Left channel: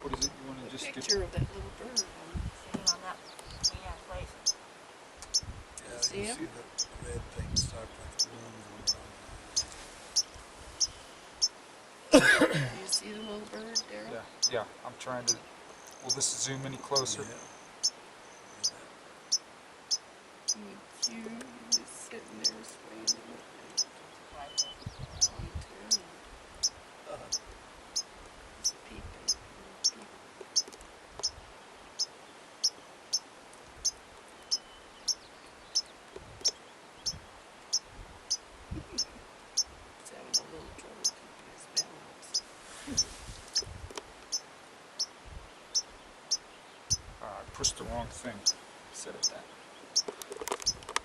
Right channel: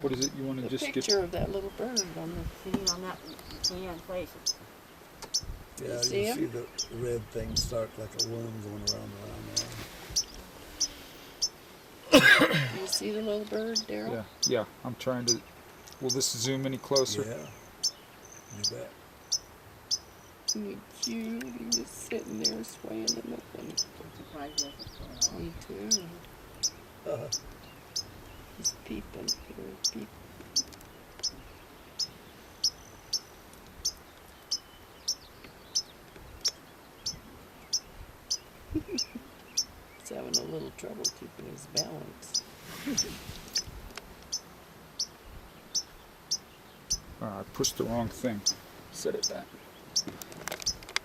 What is it you want to just picture of that little bird on the Sitting on that tan place. Yeah, you see him? see the red thing start like a worm going around the arm. Do you see the little bird, Daryl? Yeah, yeah. I'm trying to. Will this zoom any closer? Yeah, you bet. Isn't he cute? He's just sitting there swaying in the thing. Surprised what's going on. Me too. He's peeping. He's peeping. He's having a little trouble keeping his balance. I pushed the wrong thing. Set it back.